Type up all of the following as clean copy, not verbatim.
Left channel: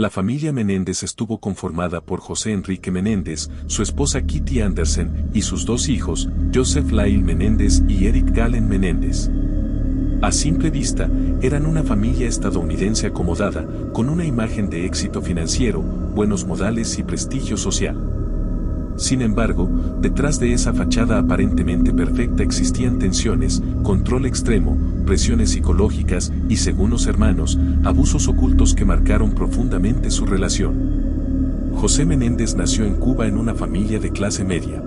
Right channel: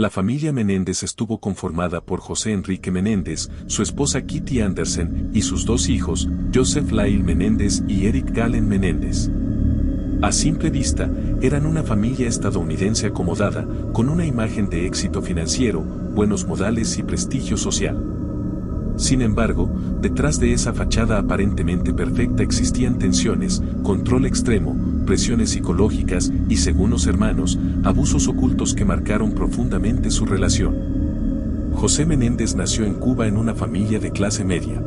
La familia Menéndez estuvo conformada por José Enrique Menéndez, su esposa Kitty Andersen y sus dos hijos, Joseph Lyle Menéndez y Eric Galen Menéndez. A simple vista, eran una familia estadounidense acomodada, con una imagen de éxito financiero, buenos modales y prestigio social. Sin embargo, detrás de esa fachada aparentemente perfecta existían tensiones, control extremo, presiones psicológicas y, según los hermanos, abusos ocultos que marcaron profundamente su relación. José Menéndez nació en Cuba en una familia de clase media.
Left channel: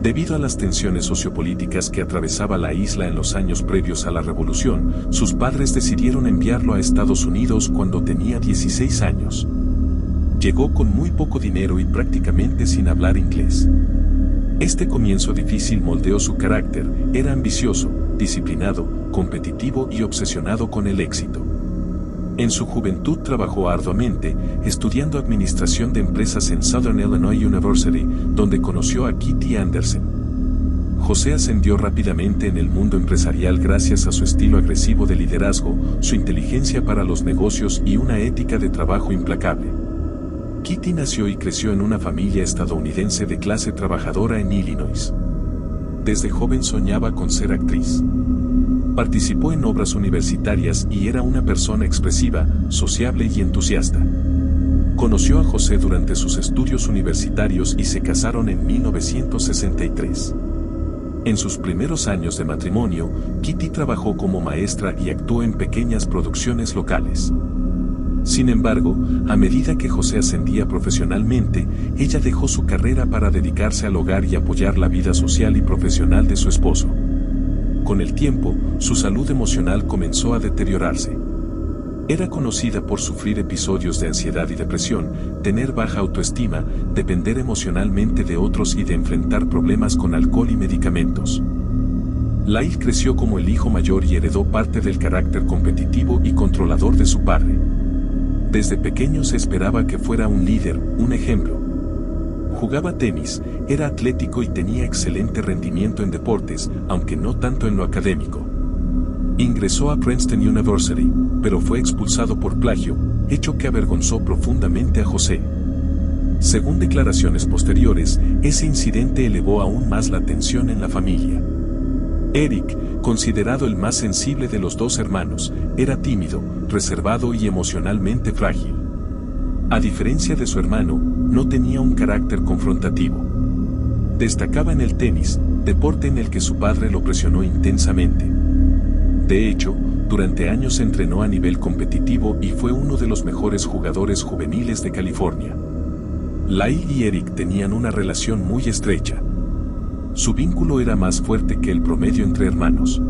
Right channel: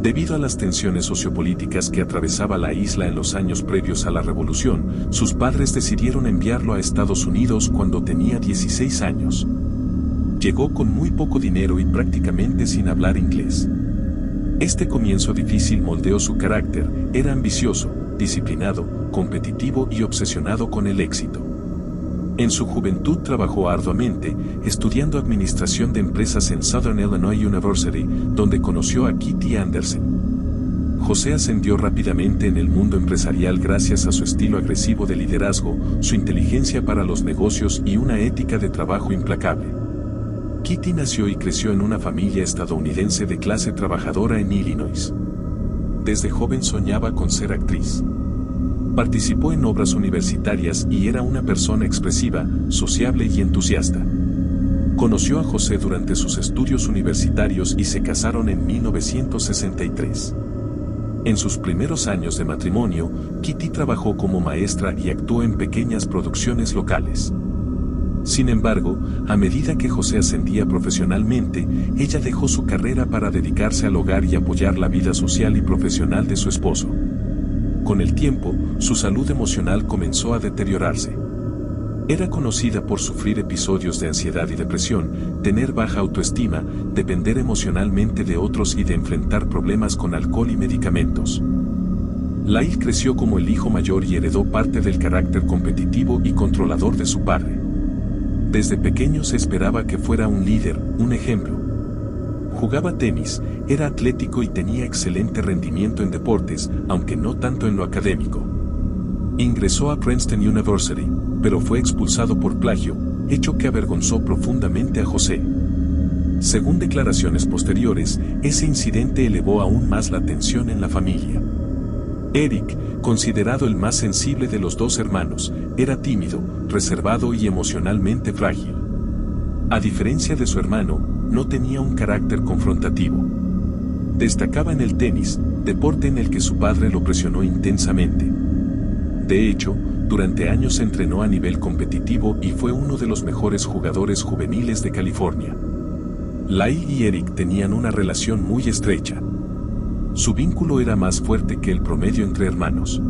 Debido a las tensiones sociopolíticas que atravesaba la isla en los años previos a la revolución, sus padres decidieron enviarlo a Estados Unidos cuando tenía 16 años. Llegó con muy poco dinero y prácticamente sin hablar inglés. Este comienzo difícil moldeó su carácter, era ambicioso, disciplinado, competitivo y obsesionado con el éxito. En su juventud trabajó arduamente, estudiando administración de empresas en Southern Illinois University, donde conoció a Kitty Andersen. José ascendió rápidamente en el mundo empresarial gracias a su estilo agresivo de liderazgo, su inteligencia para los negocios y una ética de trabajo implacable. Kitty nació y creció en una familia estadounidense de clase trabajadora en Illinois. Desde joven soñaba con ser actriz. Participó en obras universitarias y era una persona expresiva, sociable y entusiasta. Conoció a José durante sus estudios universitarios y se casaron en 1963. En sus primeros años de matrimonio, Kitty trabajó como maestra y actuó en pequeñas producciones locales. Sin embargo, a medida que José ascendía profesionalmente, ella dejó su carrera para dedicarse al hogar y apoyar la vida social y profesional de su esposo. Con el tiempo, su salud emocional comenzó a deteriorarse. Era conocida por sufrir episodios de ansiedad y depresión, tener baja autoestima, depender emocionalmente de otros y de enfrentar problemas con alcohol y medicamentos. Lyle creció como el hijo mayor y heredó parte del carácter competitivo y controlador de su padre. Desde pequeño se esperaba que fuera un líder, un ejemplo. Jugaba tenis, era atlético y tenía excelente rendimiento en deportes, aunque no tanto en lo académico. Ingresó a Princeton University, pero fue expulsado por plagio, hecho que avergonzó profundamente a José. Según declaraciones posteriores, ese incidente elevó aún más la tensión en la familia. Eric, considerado el más sensible de los dos hermanos, era tímido, reservado y emocionalmente frágil. A diferencia de su hermano, no tenía un carácter confrontativo. Destacaba en el tenis, deporte en el que su padre lo presionó intensamente. De hecho, durante años entrenó a nivel competitivo y fue uno de los mejores jugadores juveniles de California. Lyle y Eric tenían una relación muy estrecha. Su vínculo era más fuerte que el promedio entre hermanos.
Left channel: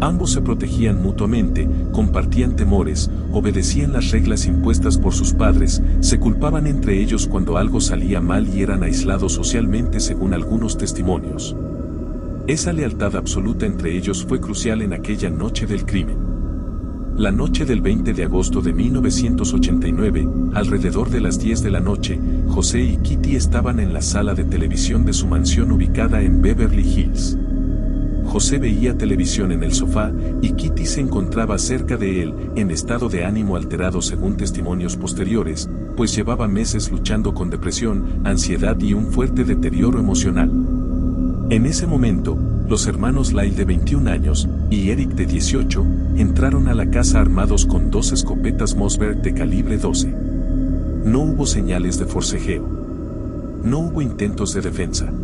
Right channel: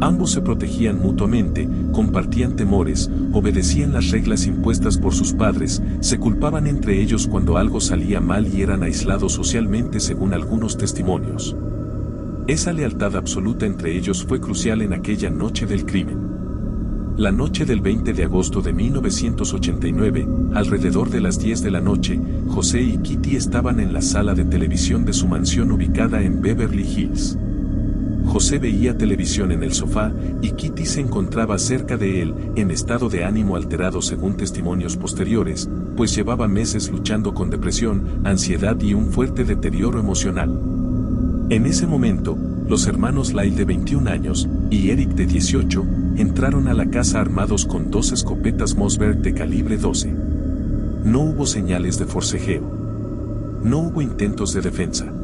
Ambos se protegían mutuamente, compartían temores, obedecían las reglas impuestas por sus padres, se culpaban entre ellos cuando algo salía mal y eran aislados socialmente según algunos testimonios. Esa lealtad absoluta entre ellos fue crucial en aquella noche del crimen. La noche del 20 de agosto de 1989, alrededor de las 10 de la noche, José y Kitty estaban en la sala de televisión de su mansión ubicada en Beverly Hills. José veía televisión en el sofá y Kitty se encontraba cerca de él, en estado de ánimo alterado según testimonios posteriores, pues llevaba meses luchando con depresión, ansiedad y un fuerte deterioro emocional. En ese momento, los hermanos Lyle de 21 años y Eric de 18 entraron a la casa armados con 2 escopetas Mossberg de calibre 12. No hubo señales de forcejeo. No hubo intentos de defensa.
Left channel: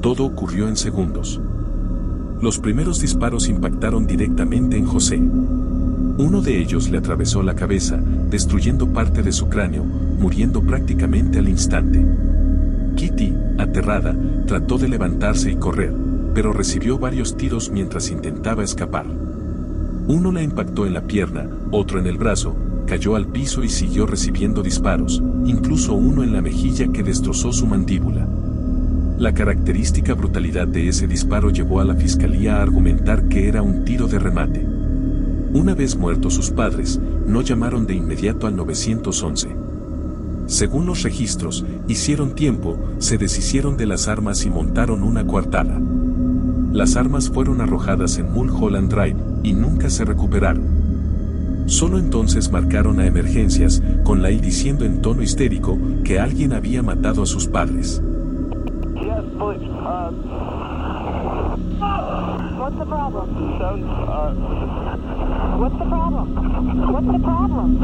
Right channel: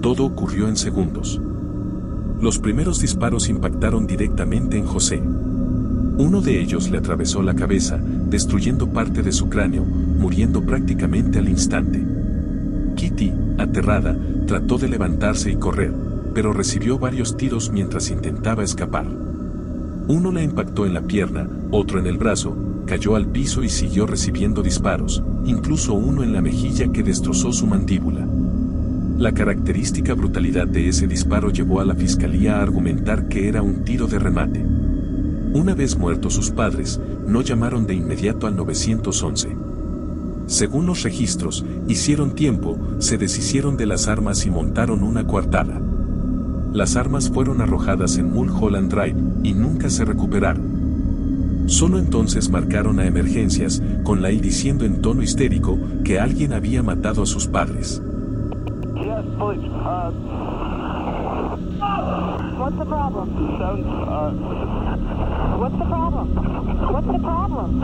Todo ocurrió en segundos. Los primeros disparos impactaron directamente en José. Uno de ellos le atravesó la cabeza, destruyendo parte de su cráneo, muriendo prácticamente al instante. Kitty, aterrada, trató de levantarse y correr, pero recibió varios tiros mientras intentaba escapar. Uno la impactó en la pierna, otro en el brazo, cayó al piso y siguió recibiendo disparos, incluso uno en la mejilla que destrozó su mandíbula. La característica brutalidad de ese disparo llevó a la fiscalía a argumentar que era un tiro de remate. Una vez muertos sus padres, no llamaron de inmediato al 911. Según los registros, hicieron tiempo, se deshicieron de las armas y montaron una coartada. Las armas fueron arrojadas en Mulholland Drive y nunca se recuperaron. Solo entonces marcaron a emergencias, con Lyle diciendo en tono histérico que alguien había matado a sus padres. Yes, please. What's the problem? Sounds, What's the problem? What's the problem?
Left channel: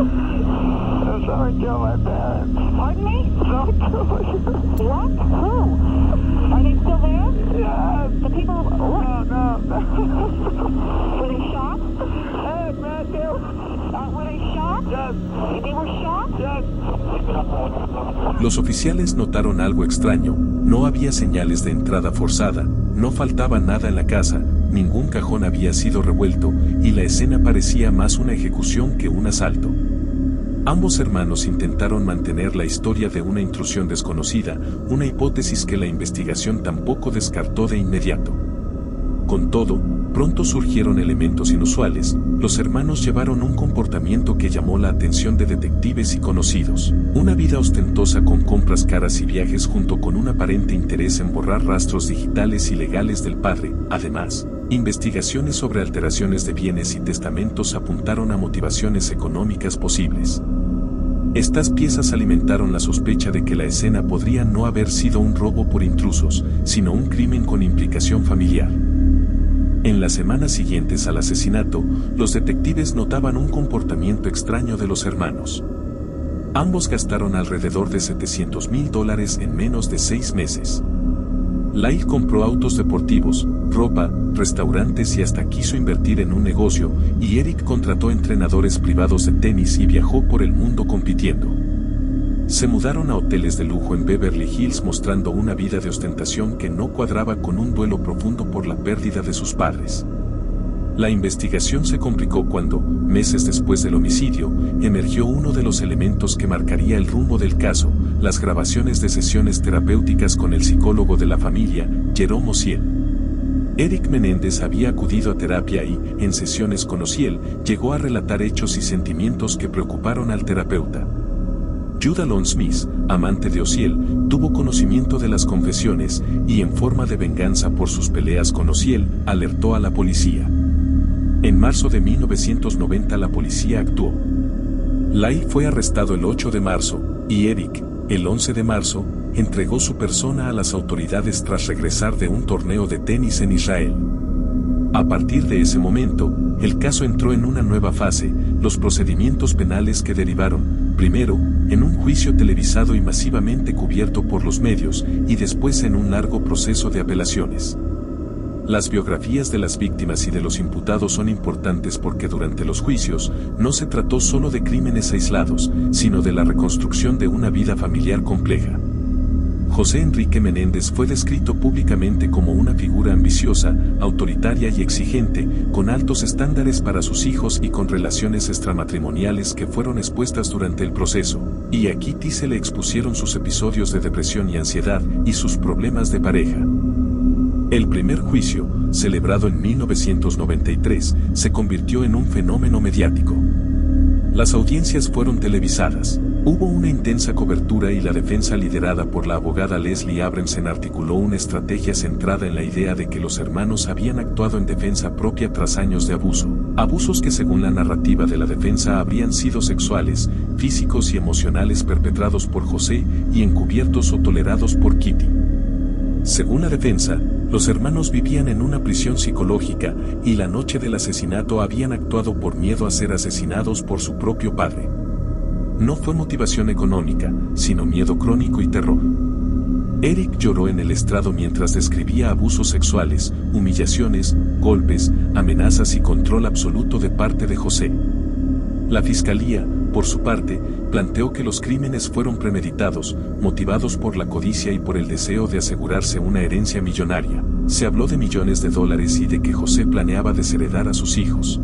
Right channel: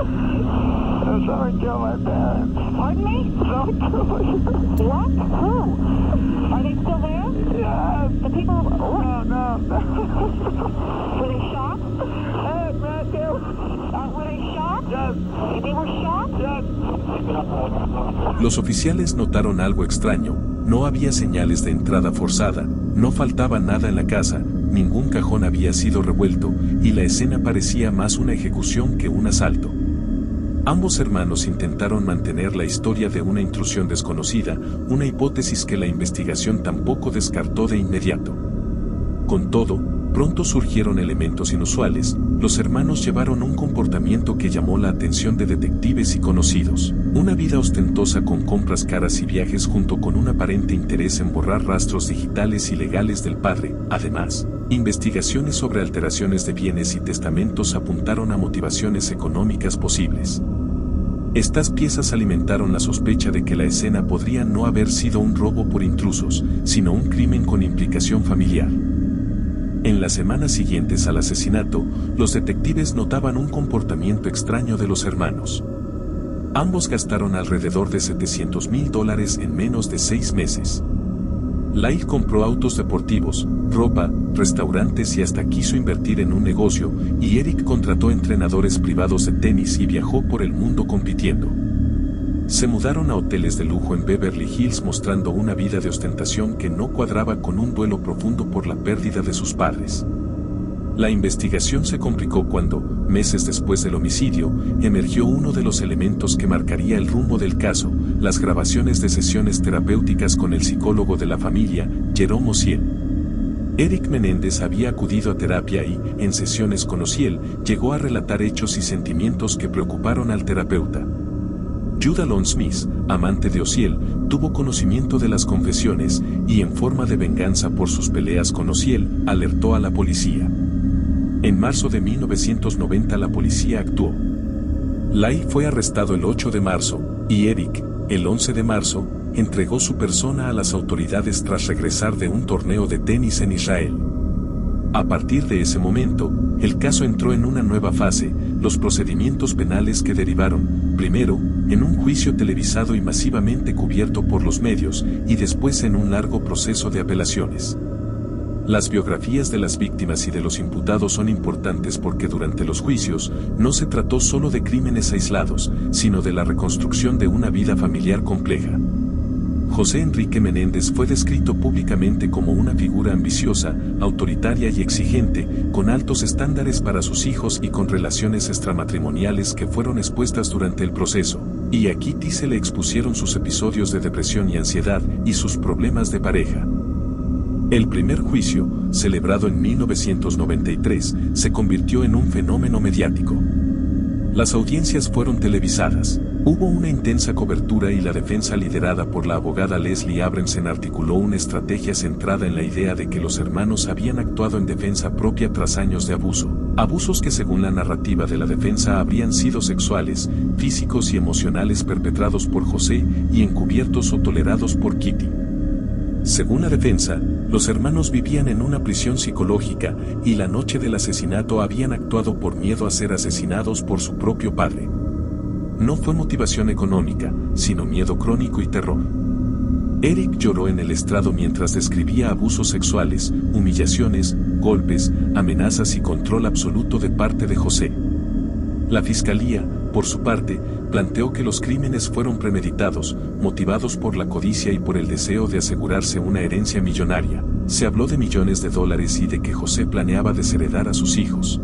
someone killed my parents. Pardon me? Someone killed my parents. What? Who? Are they still there? Yes. The people who... What? No. Were they shot? Hey, man, Were they shot? Yes. They were shot? Yes. Los oficiales notaron algo extraño, no había señales de entrada forzada, no faltaba nada en la casa, ningún cajón había sido revuelto, y la escena parecía más una ejecución que un asalto. Ambos hermanos intentaron mantener la historia de una intrusión desconocida, una hipótesis que la investigación tampoco descartó de inmediato. Con todo, pronto surgieron elementos inusuales, los hermanos llevaron un comportamiento que llamó la atención de detectives y conocidos. Una vida ostentosa con compras caras y viajes junto con un aparente interés en borrar rastros digitales y legales del padre. Además, investigaciones sobre alteraciones de bienes y testamentos apuntaron a motivaciones económicas posibles. Estas piezas alimentaron la sospecha de que la escena podría no haber sido un robo por intrusos, sino un crimen con implicación familiar. En las semanas siguientes al asesinato, los detectives notaban un comportamiento extraño de los hermanos. Ambos gastaron alrededor de $700,000 en menos de 6 meses. Lyle compró autos deportivos, ropa, restaurantes y hasta quiso invertir en un negocio, y Eric contrató entrenadores privados de tenis y viajó por el mundo compitiendo. Se mudaron a hoteles de lujo en Beverly Hills mostrando una vida de ostentación que no cuadraba con un duelo profundo por la pérdida de sus padres. La investigación se complicó cuando, meses después del homicidio, emergió uno de los elementos que marcaría el rumbo del caso, las grabaciones de sesiones terapéuticas con el psicólogo de la familia, Jerome Ociel. Eric Menéndez había acudido a terapia y, en sesiones con Ociel, llegó a relatar hechos y sentimientos que preocuparon al terapeuta. Judah Lon Smith, amante de Ociel, tuvo conocimiento de las confesiones y, en forma de venganza por sus peleas con Ociel, alertó a la policía. En marzo de 1990 la policía actuó. Lyle fue arrestado el 8 de marzo, y Eric, el 11 de marzo, entregó su persona a las autoridades tras regresar de un torneo de tenis en Israel. A partir de ese momento, el caso entró en una nueva fase, los procedimientos penales que derivaron, primero, en un juicio televisado y masivamente cubierto por los medios, y después en un largo proceso de apelaciones. Las biografías de las víctimas y de los imputados son importantes porque durante los juicios no se trató solo de crímenes aislados, sino de la reconstrucción de una vida familiar compleja. José Enrique Menéndez fue descrito públicamente como una figura ambiciosa, autoritaria y exigente, con altos estándares para sus hijos y con relaciones extramatrimoniales que fueron expuestas durante el proceso, y a Kitty se le expusieron sus episodios de depresión y ansiedad y sus problemas de pareja. El primer juicio, celebrado en 1993, se convirtió en un fenómeno mediático. Las audiencias fueron televisadas. Hubo una intensa cobertura y la defensa liderada por la abogada Leslie Abramson articuló una estrategia centrada en la idea de que los hermanos habían actuado en defensa propia tras años de abuso. Abusos que según la narrativa de la defensa habrían sido sexuales, físicos y emocionales perpetrados por José y encubiertos o tolerados por Kitty. Según la defensa, los hermanos vivían en una prisión psicológica y la noche del asesinato habían actuado por miedo a ser asesinados por su propio padre. No fue motivación económica, sino miedo crónico y terror. Eric lloró en el estrado mientras describía abusos sexuales, humillaciones, golpes, amenazas y control absoluto de parte de José. La fiscalía, por su parte, planteó que los crímenes fueron premeditados, motivados por la codicia y por el deseo de asegurarse una herencia millonaria. Se habló de millones de dólares y de que José planeaba desheredar a sus hijos.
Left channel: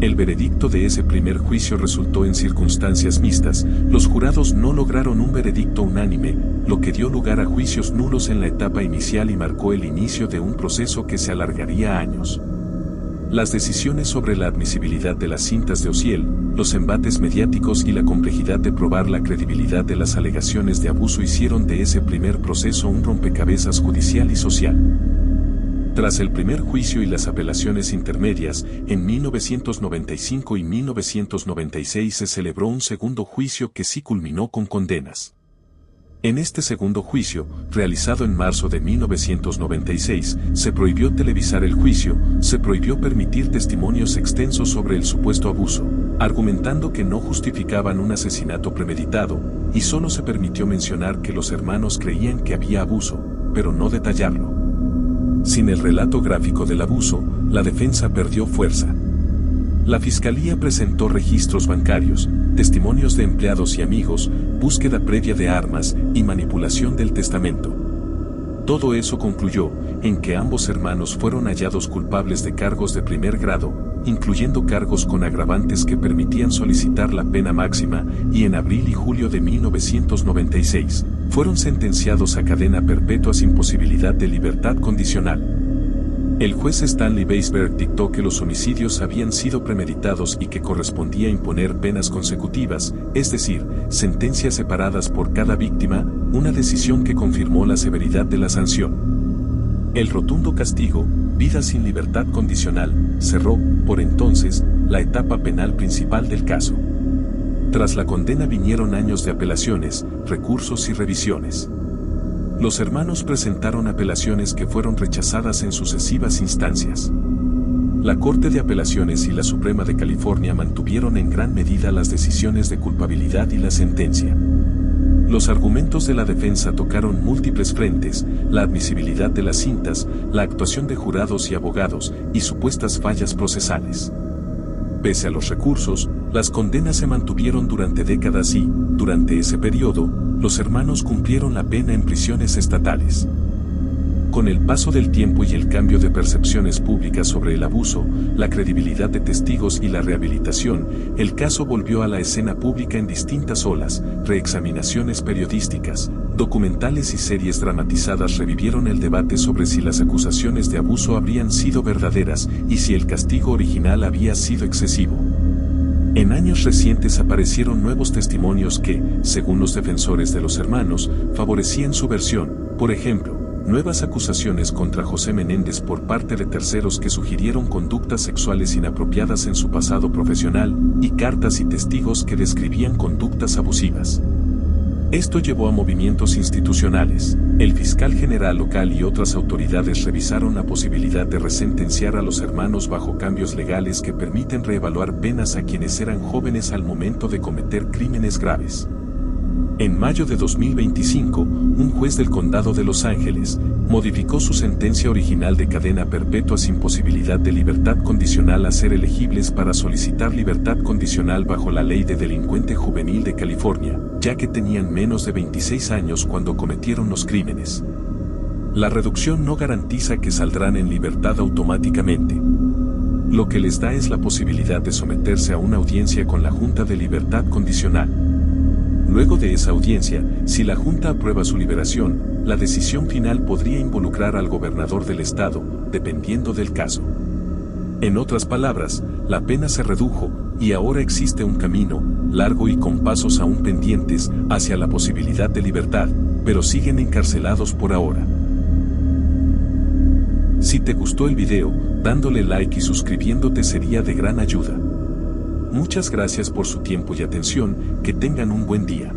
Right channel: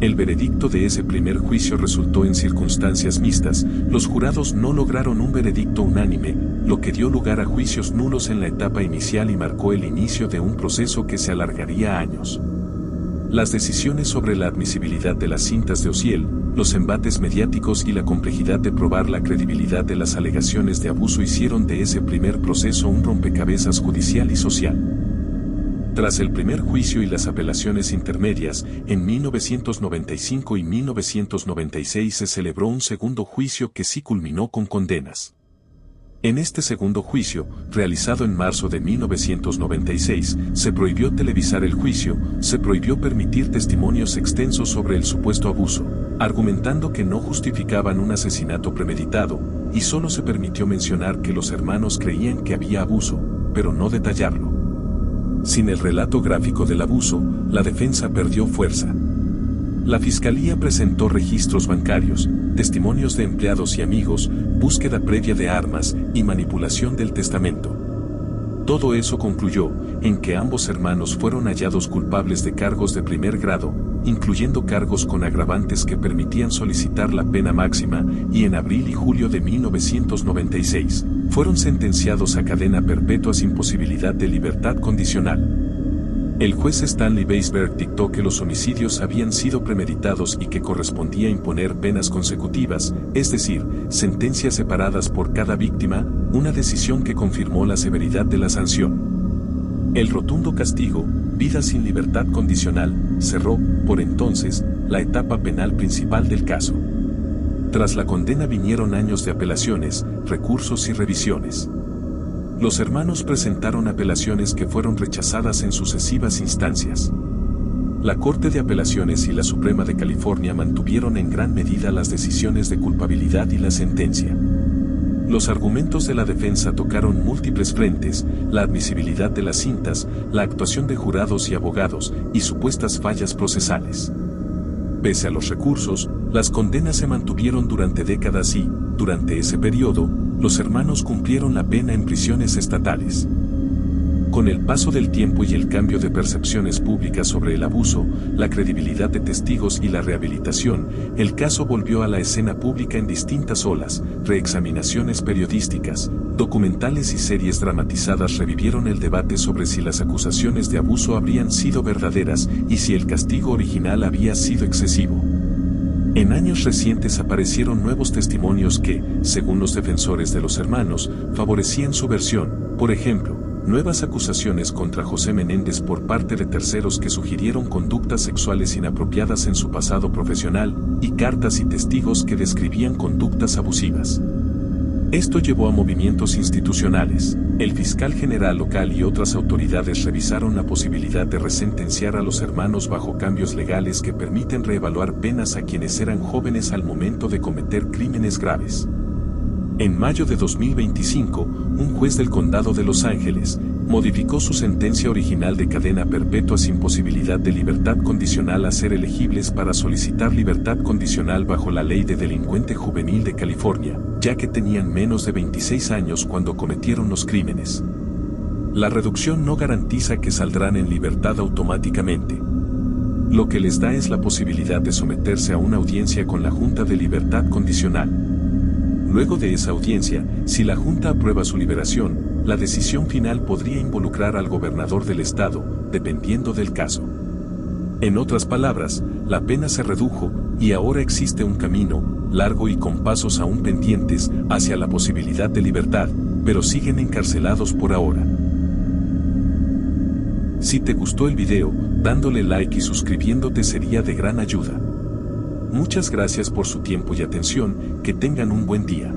El veredicto de ese primer juicio resultó en circunstancias mixtas, los jurados no lograron un veredicto unánime, lo que dio lugar a juicios nulos en la etapa inicial y marcó el inicio de un proceso que se alargaría años. Las decisiones sobre la admisibilidad de las cintas de Ociel, los embates mediáticos y la complejidad de probar la credibilidad de las alegaciones de abuso hicieron de ese primer proceso un rompecabezas judicial y social. Tras el primer juicio y las apelaciones intermedias, en 1995 y 1996 se celebró un segundo juicio que sí culminó con condenas. En este segundo juicio, realizado en marzo de 1996, se prohibió televisar el juicio, se prohibió permitir testimonios extensos sobre el supuesto abuso, argumentando que no justificaban un asesinato premeditado, y solo se permitió mencionar que los hermanos creían que había abuso, pero no detallarlo. Sin el relato gráfico del abuso, la defensa perdió fuerza. La fiscalía presentó registros bancarios, testimonios de empleados y amigos, búsqueda previa de armas y manipulación del testamento. Todo eso concluyó en que ambos hermanos fueron hallados culpables de cargos de primer grado, incluyendo cargos con agravantes que permitían solicitar la pena máxima, y en abril y julio de 1996, fueron sentenciados a cadena perpetua sin posibilidad de libertad condicional. El juez Stanley Weisberg dictó que los homicidios habían sido premeditados y que correspondía imponer penas consecutivas, es decir, sentencias separadas por cada víctima, una decisión que confirmó la severidad de la sanción. El rotundo castigo, vida sin libertad condicional, cerró, por entonces, la etapa penal principal del caso. Tras la condena vinieron años de apelaciones, recursos y revisiones. Los hermanos presentaron apelaciones que fueron rechazadas en sucesivas instancias. La Corte de Apelaciones y la Suprema de California mantuvieron en gran medida las decisiones de culpabilidad y la sentencia. Los argumentos de la defensa tocaron múltiples frentes: la admisibilidad de las cintas, la actuación de jurados y abogados, y supuestas fallas procesales. Pese a los recursos, las condenas se mantuvieron durante décadas y, durante ese periodo, los hermanos cumplieron la pena en prisiones estatales. Con el paso del tiempo y el cambio de percepciones públicas sobre el abuso, la credibilidad de testigos y la rehabilitación, el caso volvió a la escena pública en distintas olas: reexaminaciones periodísticas, documentales y series dramatizadas revivieron el debate sobre si las acusaciones de abuso habrían sido verdaderas y si el castigo original había sido excesivo. En años recientes aparecieron nuevos testimonios que, según los defensores de los hermanos, favorecían su versión. Por ejemplo, nuevas acusaciones contra José Menéndez por parte de terceros que sugirieron conductas sexuales inapropiadas en su pasado profesional, y cartas y testigos que describían conductas abusivas. Esto llevó a movimientos institucionales. El fiscal general local y otras autoridades revisaron la posibilidad de resentenciar a los hermanos bajo cambios legales que permiten reevaluar penas a quienes eran jóvenes al momento de cometer crímenes graves. En mayo de 2025, un juez del condado de Los Ángeles modificó su sentencia original de cadena perpetua sin posibilidad de libertad condicional a ser elegibles para solicitar libertad condicional bajo la Ley de Delincuente Juvenil de California, ya que tenían menos de 26 años cuando cometieron los crímenes. La reducción no garantiza que saldrán en libertad automáticamente. Lo que les da es la posibilidad de someterse a una audiencia con la Junta de Libertad Condicional. Luego de esa audiencia, si la Junta aprueba su liberación, la decisión final podría involucrar al gobernador del estado, dependiendo del caso. En otras palabras, la pena se redujo, y ahora existe un camino, largo y con pasos aún pendientes, hacia la posibilidad de libertad, pero siguen encarcelados por ahora. Si te gustó el video, dándole like y suscribiéndote sería de gran ayuda. Muchas gracias por su tiempo y atención, que tengan un buen día.